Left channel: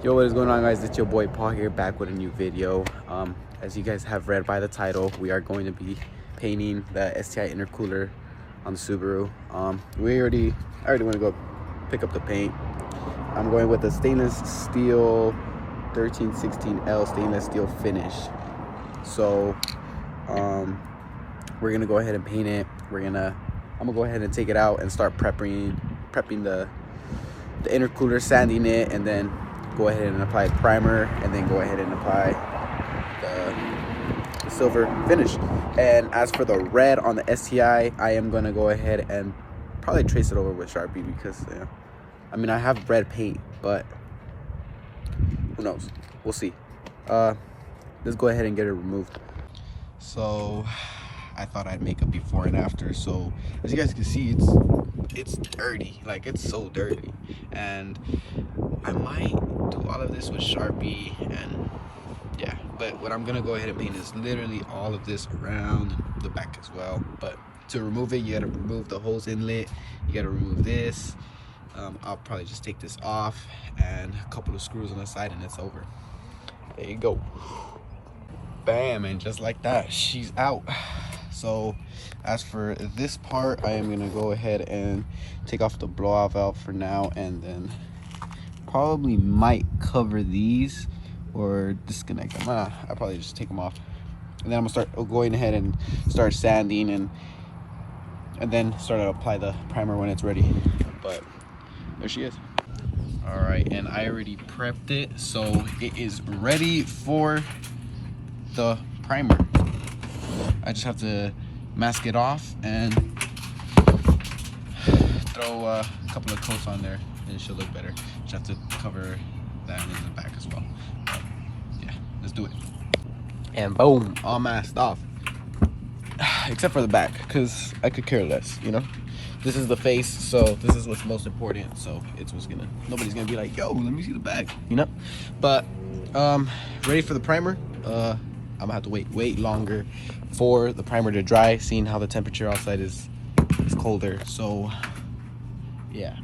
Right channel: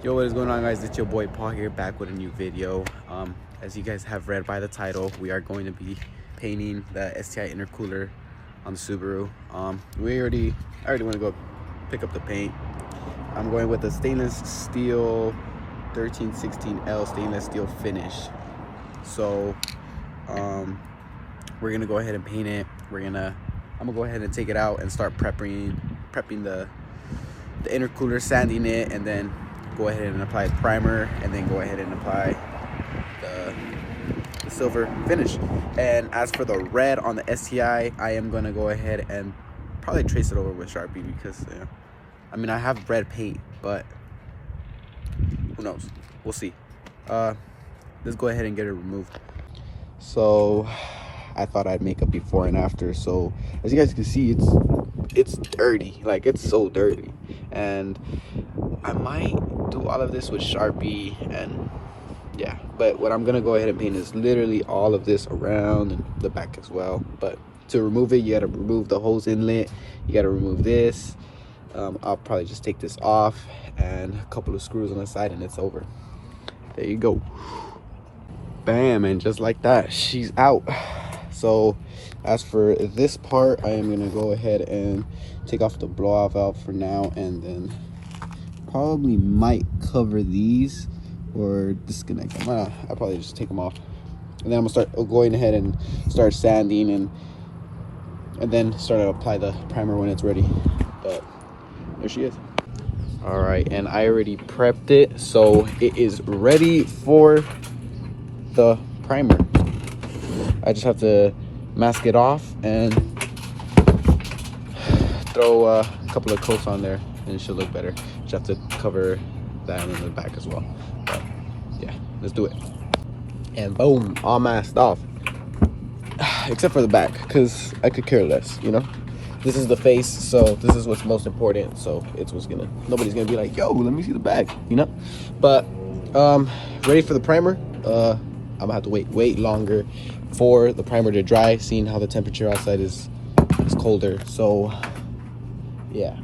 Yo, what is going on, guys? It's your boy Paul here, back with a new video. As you guys have read by the title, we are going to be painting the STI intercooler on the Subaru. I already want to go pick up the paint. I'm going with the stainless steel 1316L stainless steel finish. So we're gonna go ahead and paint it. I'm gonna go ahead and take it out and start prepping the intercooler, sanding it, and then go ahead and apply primer, and then go ahead and apply the silver finish. And as for the red on the STI, I am gonna go ahead and probably trace it over with Sharpie because I mean, I have red paint, but who knows, we'll see. Let's go ahead and get it removed. So I thought I'd make a before and after. So as you guys can see, it's dirty, like it's so dirty, and I might do all of this with Sharpie, and yeah, but what I'm gonna go ahead and paint is literally all of this around and the back as well. But to remove it, you gotta remove the hose inlet, you gotta remove this. I'll probably just take this off and a couple of screws on the side, and it's over. There you go, bam, and just like that, she's out. So as for this part, I am gonna go ahead and take off the blowout valve for now, and then probably might cover these or disconnect them. I'll probably just take them off, and then I'm gonna start going ahead and start sanding, and then start to apply the primer when it's ready. But there she is. All right, and I already prepped it, so it is ready for the primer. I just have to mask it off and throw a couple of coats on there, and it should look better. Just have to cover that in the back as well. But yeah, let's do it. And boom, all masked off, except for the back, because I could care less, you know. This is the face, so this is what's most important. So it's what's gonna, nobody's gonna be like, yo, let me see the back, you know. But ready for the primer. I'm gonna have to wait longer for the primer to dry, seeing how the temperature outside is colder. So yeah,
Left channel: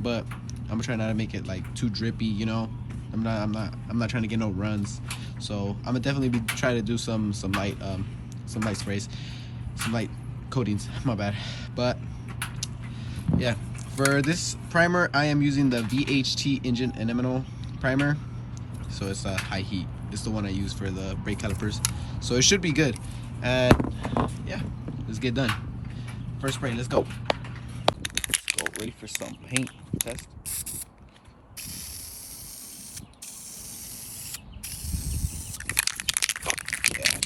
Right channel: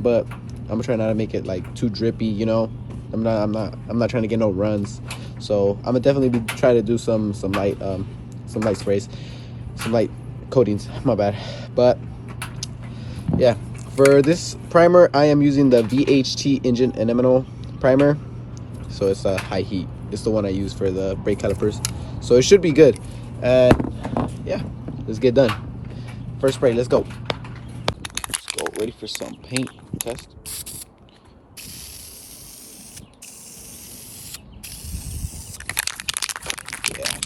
but I'm gonna try not to make it like too drippy, you know. I'm not trying to get no runs. So I'm gonna definitely be trying to do some light sprays, some light coatings, my bad. But yeah, for this primer, I am using the VHT engine enamel primer. So it's a high heat. It's the one I use for the brake calipers, so it should be good. And yeah, let's get done. First spray, let's go. Let's go, ready for some paint test. Yeah,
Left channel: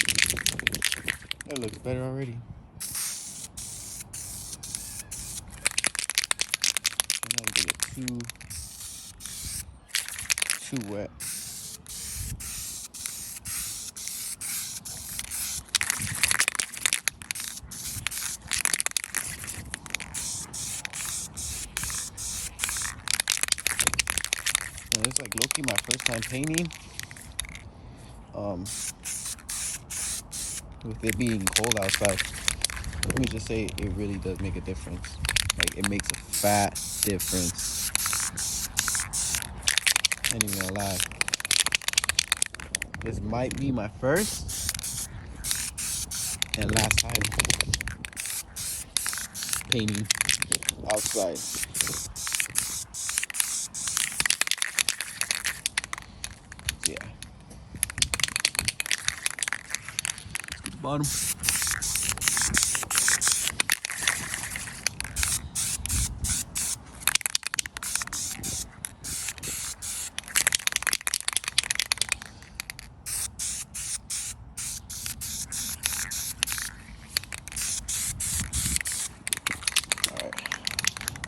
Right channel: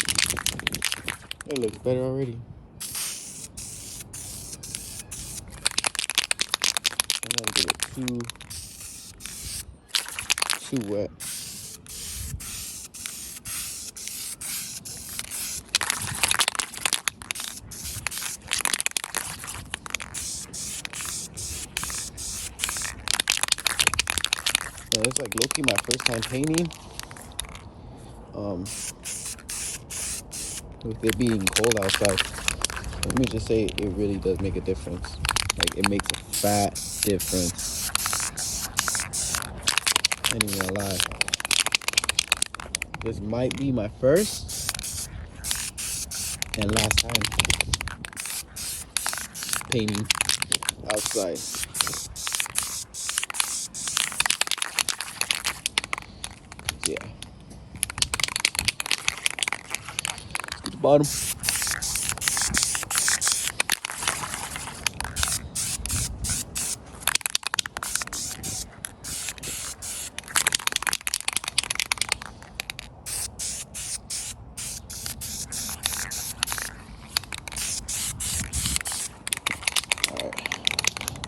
it looks better already. I'm not gonna get it too wet. Yeah, it's like low-key my first time painting. With it being cold outside, let me just say it really does make a difference. Like, it makes a fat difference. I ain't even gonna lie. This might be my first and last time painting outside. Yeah. Let's get the bottom.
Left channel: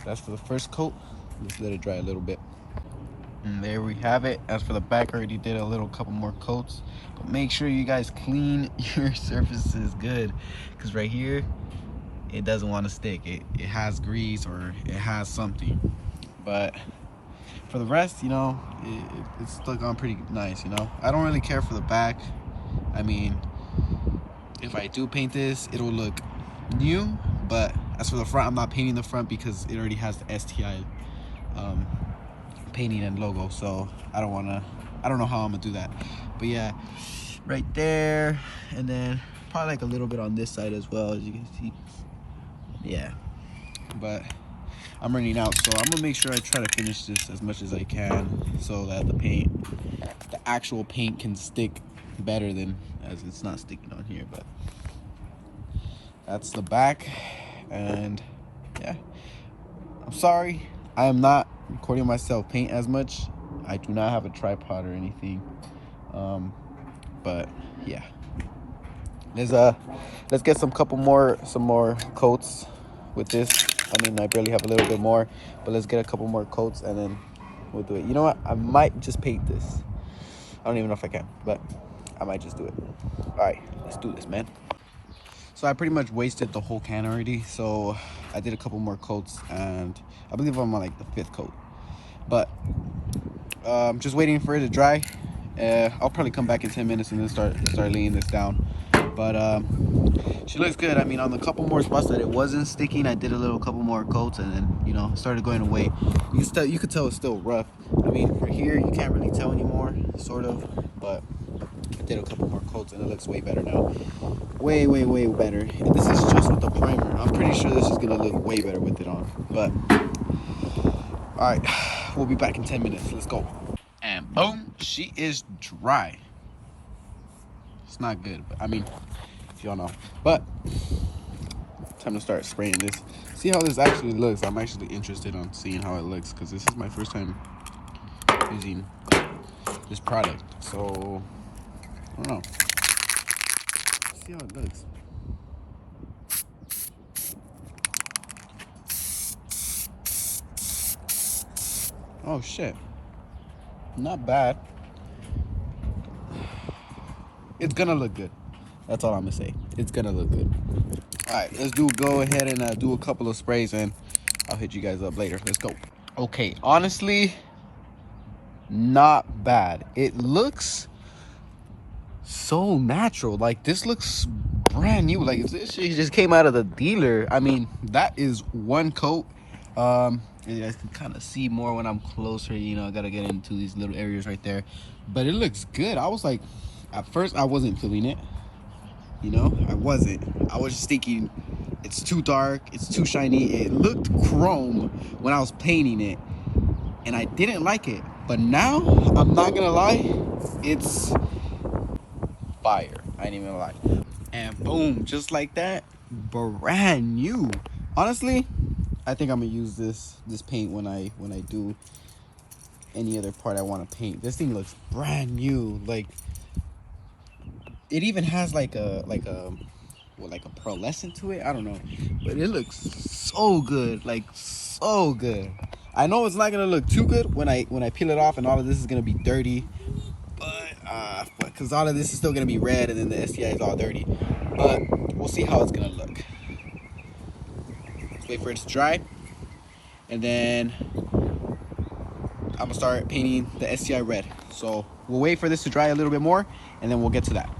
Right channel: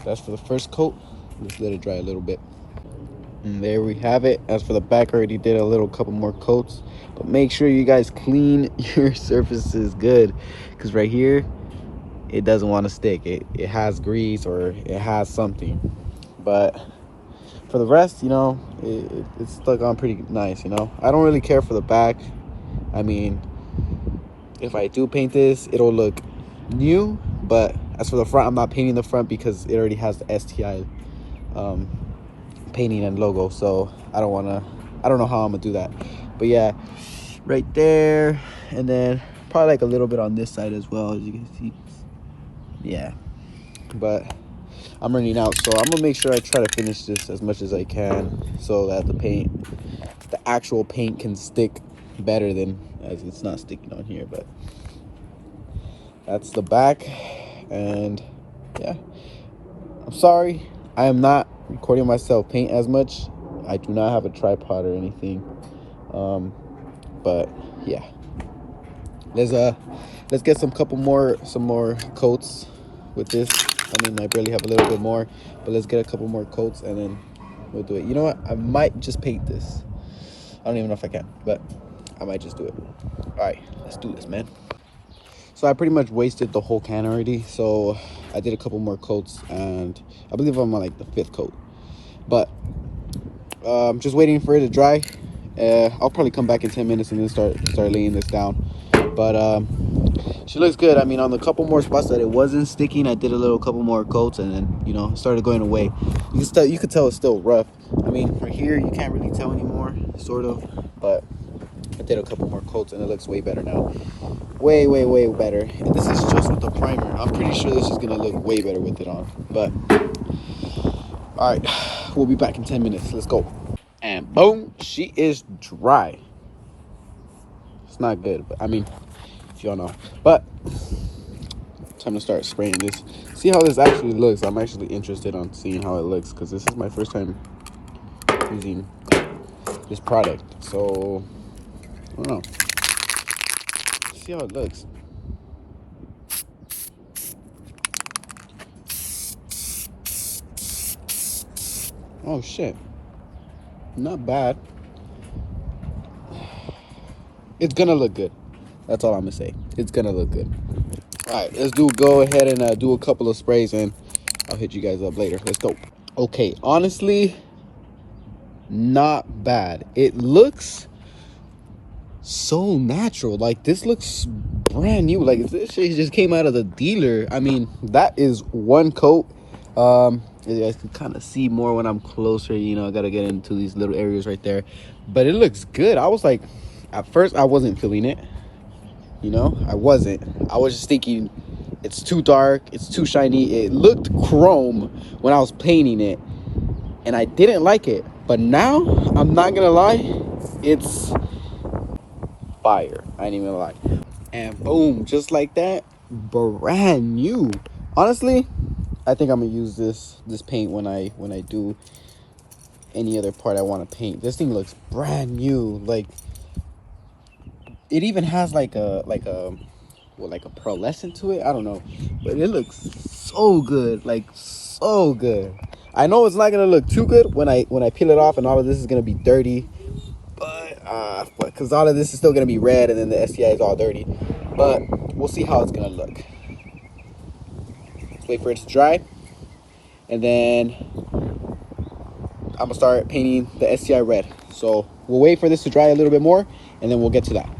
That's for the first coat. Let's let it dry a little bit. And there we have it. As for the back, I already did a couple more coats, but make sure you guys clean your surfaces good, because right here it doesn't want to stick. It has grease or it has something. But for the rest, you know, it's stuck on pretty nice, you know. I don't really care for the back. I mean, if I do paint this, it'll look new. But as for the front, I'm not painting the front because it already has the STI painting and logo, so I don't know how I'm gonna do that. But yeah, right there, and then probably like a little bit on this side as well, as you can see. Yeah, but I'm running out, so I'm gonna make sure I try to finish this as much as I can so that the actual paint can stick better than as it's not sticking on here. But that's the back, and yeah, I'm sorry I am not recording myself paint as much. I do not have a tripod or anything, but yeah, let's get some more coats with this. I mean, I barely have a little bit more, but let's get a couple more coats and then we'll do it. You know what, I might just paint this. I don't even know if I can, but I might just do it. All right, let's do this, man. So I pretty much wasted the whole can already, so I did a couple more coats, and I believe I'm on like the 5th coat. But I'm just waiting for it to dry. I'll probably come back in 10 minutes and then start laying this down. But she looks good. I mean, on the couple more spots that it wasn't sticking, I did a couple more coats, and then, you know, it started going away. You could tell it's still rough. I mean, for here you can't really tell anymore, sort of, but I did a couple more coats and it looks way better now. Way better. And this is just with the primer. I'm pretty sure this is gonna look way better with it on. But all right, we'll be back in 10 minutes. Let's go. And boom, she is dry. It's not good, but I mean, if y'all know. But time to start spraying this. See how this actually looks. I'm actually interested on seeing how it looks, because this is my first time using this product. So I don't know. See how it looks. Oh shit, not bad. It's gonna look good. That's all I'm gonna say. It's gonna look good. All right, let's go ahead and do a couple of sprays, and I'll hit you guys up later. Let's go. Okay, honestly, not bad. It looks so natural. Like, this looks brand new. Like, this shit just came out of the dealer. I mean, that is one coat. You guys can kind of see more when I'm closer. You know, I gotta get into these little areas right there, but it looks good. I was like, at first I wasn't feeling it, you know. I was just thinking it's too dark, it's too shiny. It looked chrome when I was painting it, and I didn't like it. But now, I'm not gonna lie, it's fire. I ain't even gonna lie. And boom, just like that, brand new. Honestly, I think I'm gonna use this paint when I do any other part I want to paint. This thing looks brand new. Like, it even has like a pearlescent to it. I don't know, but it looks so good. Like, so good. I know it's not gonna look too good when I peel it off and all of this is gonna be dirty, but because all of this is still gonna be red and then the STI is all dirty. But we'll see how it's gonna look. Let's wait for it to dry, and then I'm gonna start painting the STI red. So we'll wait for this to dry a little bit more, and then we'll get to that.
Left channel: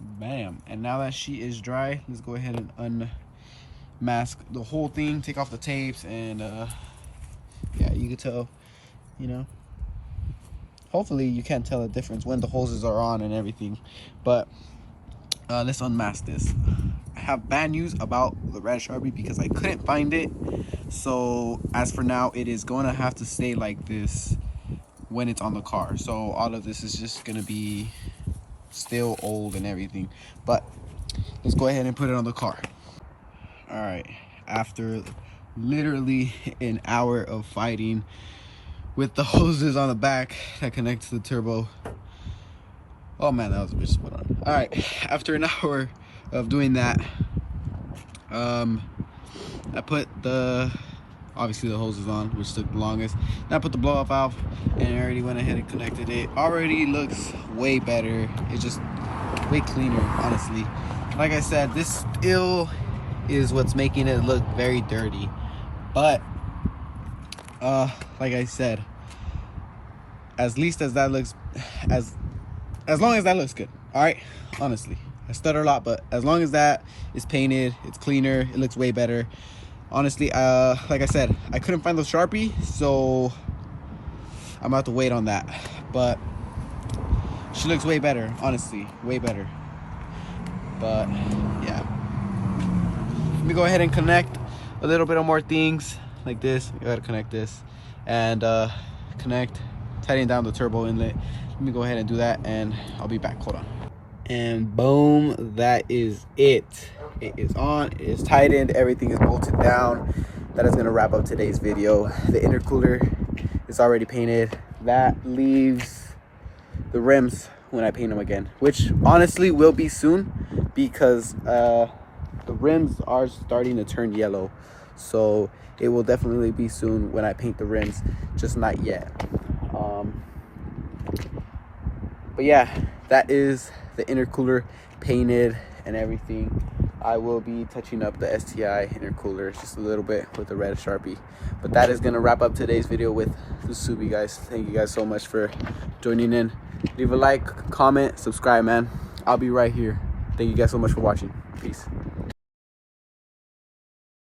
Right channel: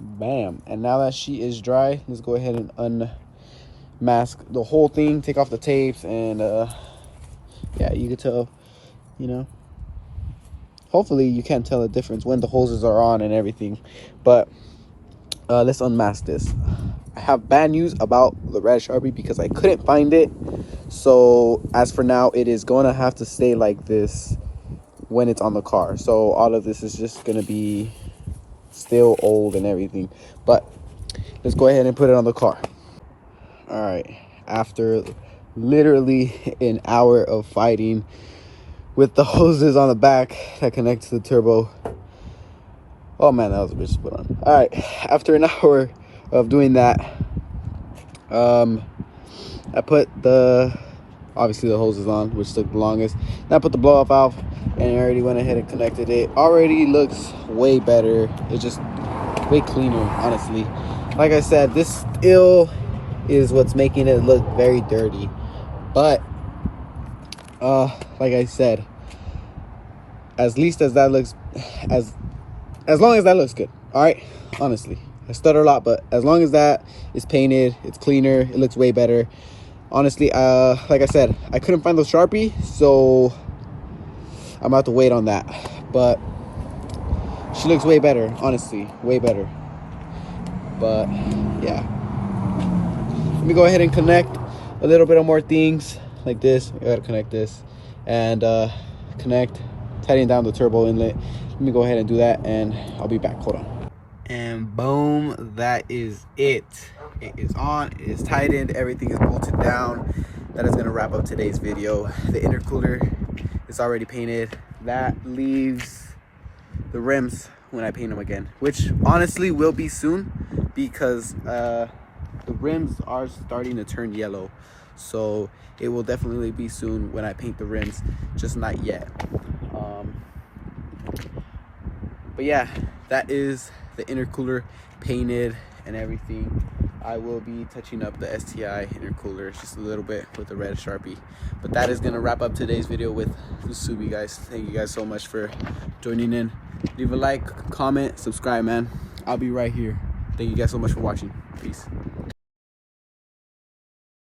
Bam. And now that she is dry, let's go ahead and unmask the whole thing, take off the tapes, and yeah, you can tell, you know, hopefully you can't tell the difference when the hoses are on and everything. But let's unmask this. I have bad news about the red Sharpie because I couldn't find it. So as for now, it is going to have to stay like this when it's on the car. So all of this is just going to be still old and everything. But let's go ahead and put it on the car. All right, after literally an hour of fighting with the hoses on the back that connect to the turbo. Oh man, that was a bitch to put on. All right, after an hour of doing that, I put obviously the hoses on, which took the longest. Then I put the blow off valve, and I already went ahead and connected it. Already looks way better. It's just way cleaner, honestly. Like I said, this still is what's making it look very dirty. But like I said, as least as that looks, as long as that looks good. All right, honestly, I stutter a lot, but as long as that is painted, it's cleaner, it looks way better. Honestly, like I said, I couldn't find the Sharpie, so I'm about to wait on that. But she looks way better, honestly, way better. But yeah, let me go ahead and connect a little bit of more things like this. I gotta connect this and connect, tighten down the turbo inlet. Let me go ahead and do that and I'll be back. Hold on. And boom, that is it. It is on, it is tightened, everything is bolted down. That is gonna wrap up today's video. The intercooler is already painted. That leaves the rims when I paint them again, which honestly will be soon, because the rims are starting to turn yellow. So it will definitely be soon when I paint the rims, just not yet. But yeah, that is the intercooler painted and everything. I will be touching up the STI intercooler just a little bit with the red Sharpie. But that is gonna wrap up today's video with Usubi, guys. Thank you guys so much for joining in. Leave a like, comment, subscribe, man. I'll be right here. Thank you guys so much for watching. Peace.